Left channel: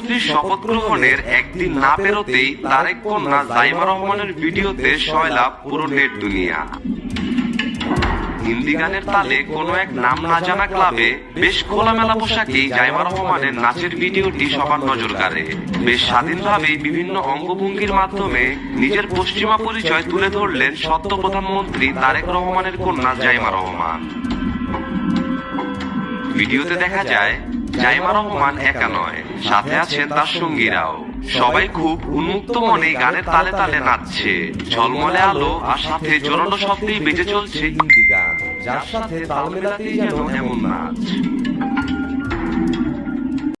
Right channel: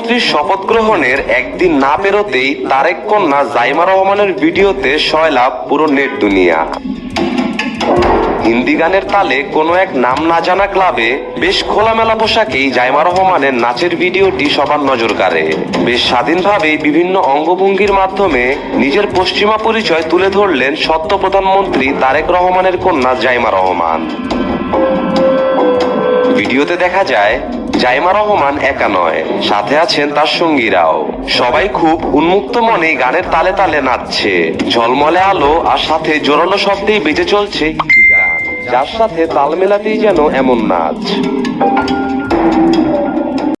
প্রধানমন্ত্রীর শপথ গ্রহণের একদিন না পেরোতেই তারেক কন্যা জাইমা রহমানের ভিডিওতে সয়লাভ পুরো নেট দুনিয়া। হিন্দি গানের তালে কোনো এক নাম না জানা ক্লাবে বেশ খোলামেলা পোশাকেই জাইমা রহমানের নাচের ভিডিওটি সবার নজর কাড়ে। বেশ স্বাধীনভাবে বিভিন্ন অঙ্গভঙ্গির মাধ্যমে নিজের পশ্চিমা পরিচয় তুলে ধরলেন সদ্য প্রধানমন্ত্রী তারেক রহমানের কন্যা জাইমা রহমান। ভিডিওতে দেখা যায় জাইমা রহমান একা নয়, সাথে আছেন তার সঙ্গীরাও। সবাই খুব উন্মুক্ত মনে গানের তালে তালে নাচছে। ঝলমলে আলো আর সাথে জোরালো শব্দেই বেজে চলছে হিন্দি গান, যার সাথে তাল মেলাতেই যেন এমন নাচ।